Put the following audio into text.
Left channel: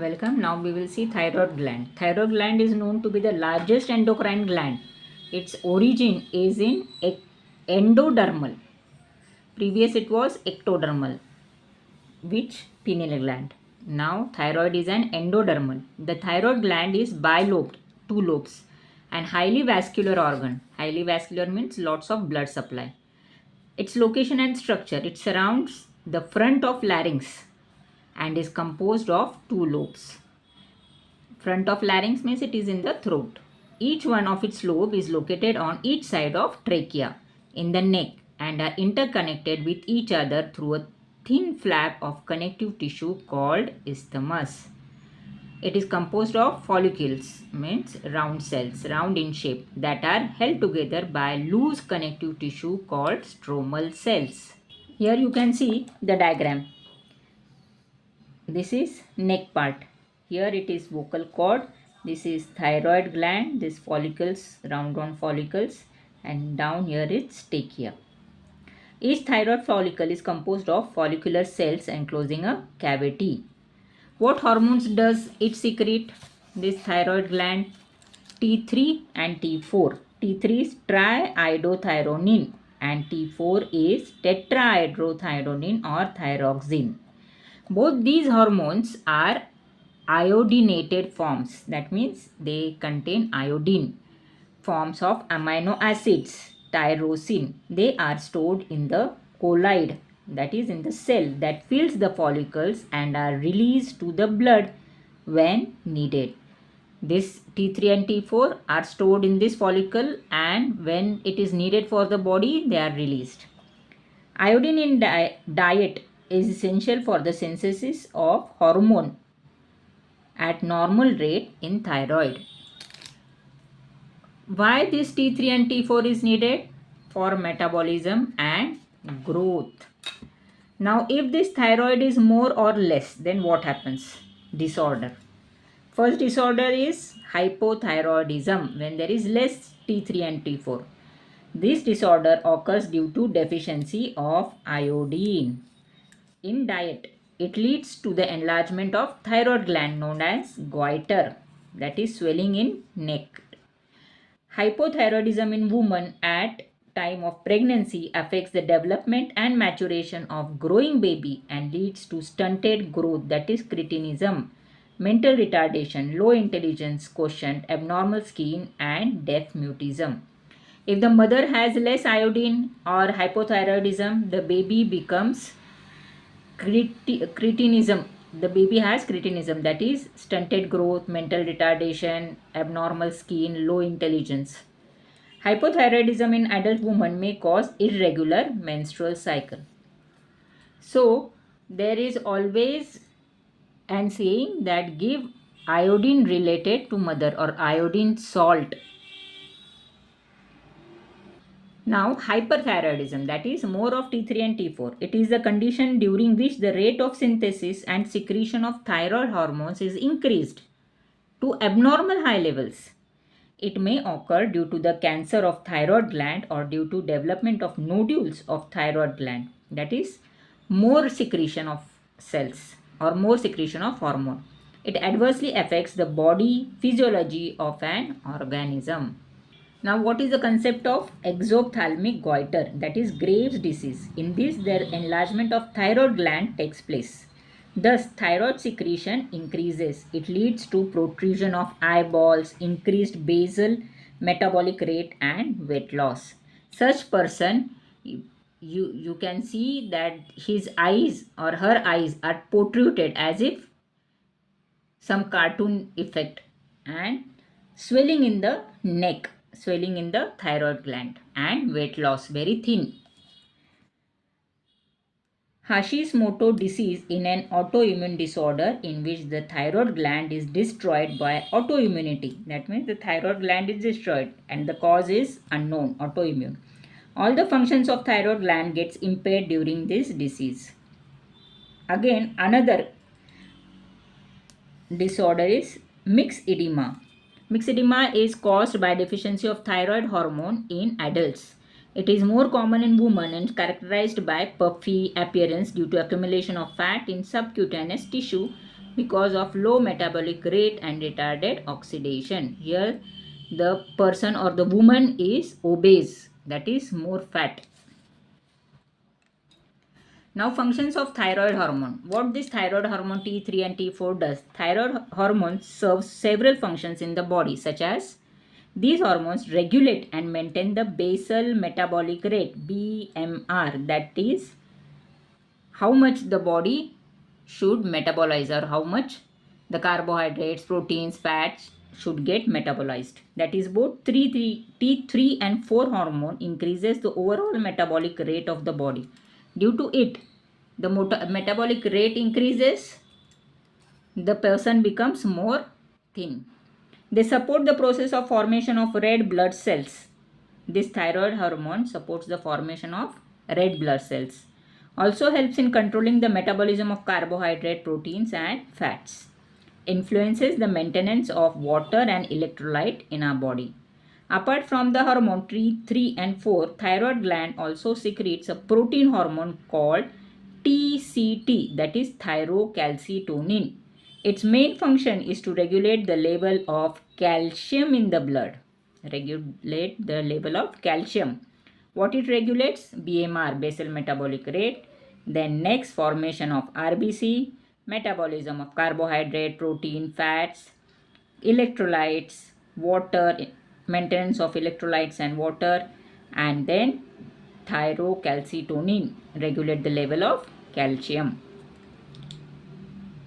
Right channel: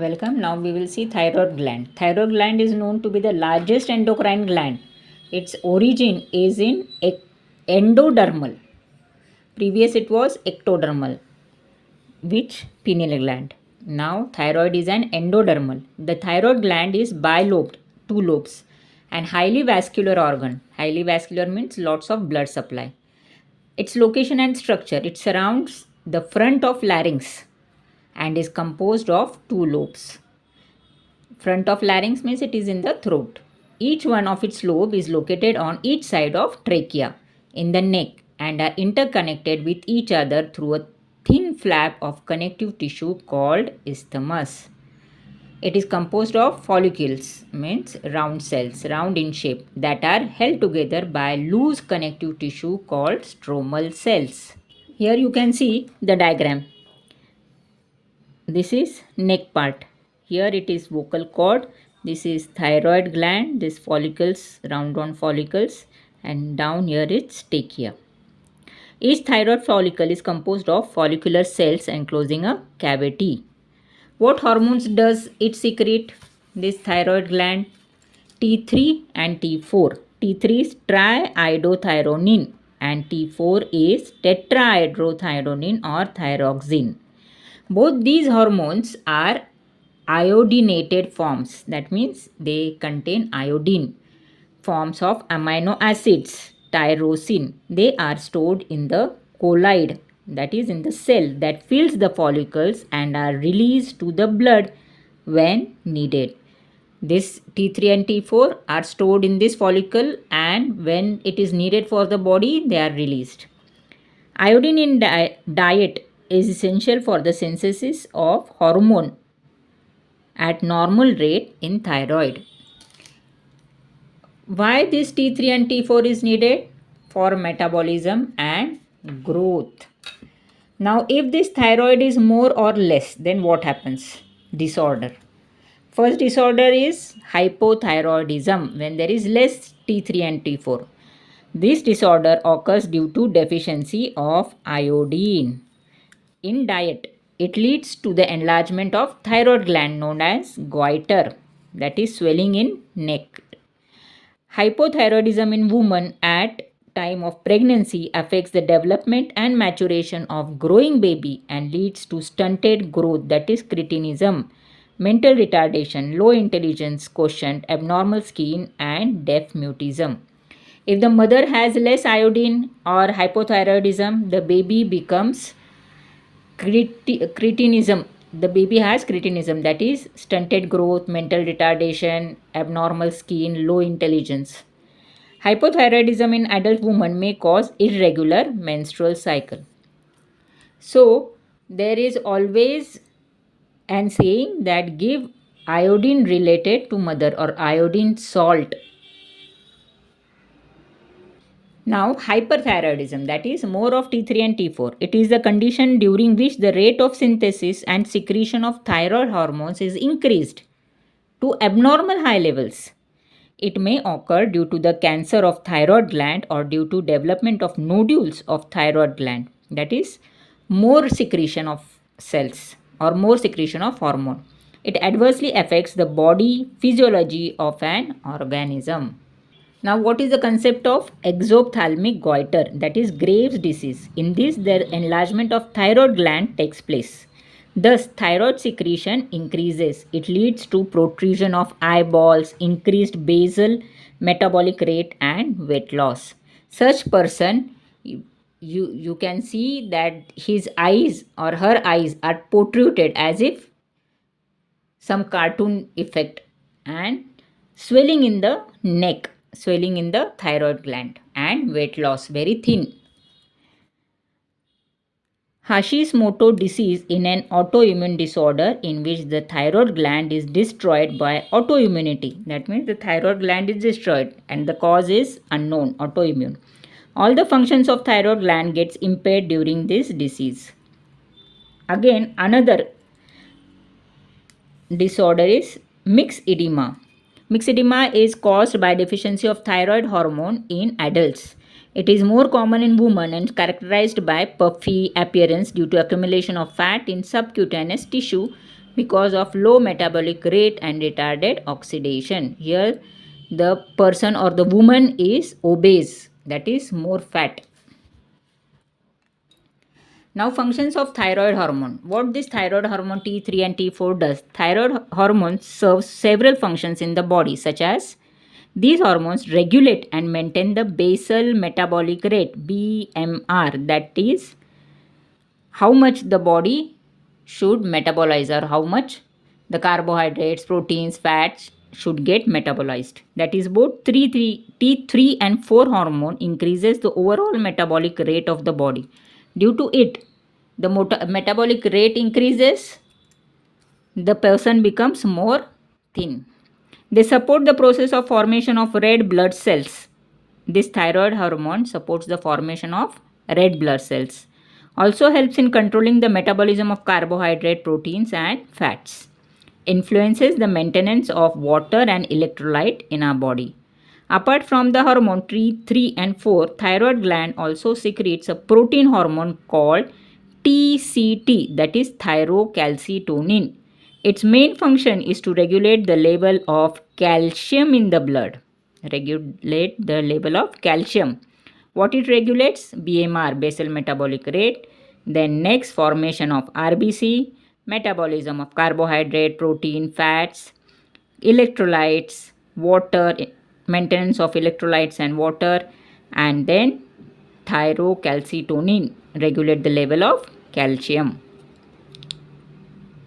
Welcome. Now we will see thyroid gland. Thyroid gland is known to be the largest endocrine gland. Its origin is in endodermal. Previous it was ectodermal, which pineal gland. Now thyroid is an endodermal. The thyroid gland is bilobed, two lobes, and highly vascular organ. Highly vascular means lots of blood supply. Its location and structure, it surrounds the front of larynx and is composed of two lobes. Front of larynx means it is in the throat. Each one of its lobe is located on each side of trachea in the neck and are interconnected with each other through a thin flap of connective tissue called isthmus. It is composed of follicles, means round cells, round in shape, that are held together by loose connective tissue called stromal cells. Here you can see the diagram. This is neck part. Here it is vocal cord. This is thyroid gland. This follicles, round on follicles, and down here it's trachea. Each thyroid follicle is composed of follicular cells enclosing a cavity. What hormones does it secrete? This thyroid gland, T3 and T4. T3 is triiodothyronine and T4 is tetrahydrothyronine or thyroxine. Both these hormones are iodinated forms. That means they contain iodine. Forms of amino acids, tyrosine. They are stored in the colloid, that is in the cell that fills the follicles and are released to the blood when needed. This T3 and T4 are stored in this follicle, and when it is needed for the body, they are released. Iodine in diet is essential for the synthesis of hormone at normal rate in thyroid. Why this T3 and T4 is needed? For metabolism and growth. Now if this thyroid is more or less, then what happens? Disorder. First disorder is hypothyroidism, when there is less T3 and T4. This disorder occurs due to deficiency of iodine in diet. It leads to the enlargement of thyroid gland known as goiter, that is swelling in neck. Hypothyroidism in women at time of pregnancy affects the development and maturation of growing baby and leads to stunted growth, that is cretinism, mental retardation, low intelligence quotient, abnormal skin, and deaf mutism. If the mother has less iodine or hypothyroidism, the baby becomes cretinism. The baby has cretinism, that is stunted growth, mental retardation, abnormal skin, low intelligence. Hypothyroidism in adult women may cause irregular menstrual cycle. So there is always an saying that give iodine related to mother or iodine salt. Now, hyperthyroidism, that is more of T3 and T4. It is the condition during which the rate of synthesis and secretion of thyroid hormones is increased to abnormal high levels. It may occur due to the cancer of thyroid gland or due to development of nodules of thyroid gland, that is more secretion of cells or more secretion of hormone. It adversely affects the body physiology of an organism. Now, what is the concept of exophthalmic goiter? That is Graves' disease. In this, the enlargement of thyroid gland takes place. Thus, thyroid secretion increases. It leads to protrusion of eyeballs, increased basal metabolic rate, and weight loss. Such person, you can see that his eyes or her eyes are protruded as if some cartoon effect, and swelling in the neck, swelling in the thyroid gland, and weight loss, very thin. Hashimoto disease in an autoimmune disorder in which the thyroid gland is destroyed by autoimmunity. That means the thyroid gland is destroyed and the cause is unknown, autoimmune. All the functions of thyroid gland gets impaired during this disease. Again, another disorder is mixed edema. Mixed edema is caused by deficiency of thyroid hormone in adults. It is more common in women and characterized by puffy appearance due to accumulation of fat in subcutaneous tissue because of low metabolic rate and retarded oxidation. Here the person or the woman is obese, that is more fat. Now functions of thyroid hormone. What this thyroid hormone T3 and T4 does? Thyroid hormone serves several functions in the body, such as these hormones regulate and maintain the basal metabolic rate BMR, that is how much the body should metabolize or how much the carbohydrates, proteins, fats should get metabolized. That is both T3 and 4 hormone increases the overall metabolic rate of the body. Due to it, the metabolic rate increases, the person becomes more thin. They support the process of formation of red blood cells. This thyroid hormone supports the formation of red blood cells. Also helps in controlling the metabolism of carbohydrate, proteins and fats. Influences the maintenance of water and electrolyte in our body. Apart from the hormone T3 and 4, thyroid gland also secretes a protein hormone called TCT, that is thyrocalcitonin. Its main function is to regulate the level of calcium in the blood. Regulate the level of calcium. What it regulates? BMR, basal metabolic rate. Then next, formation of RBC, metabolism of carbohydrate, protein, fats, electrolytes, water, maintenance of electrolytes and water, and then thyrocalcitonin, regulate the level of calcium.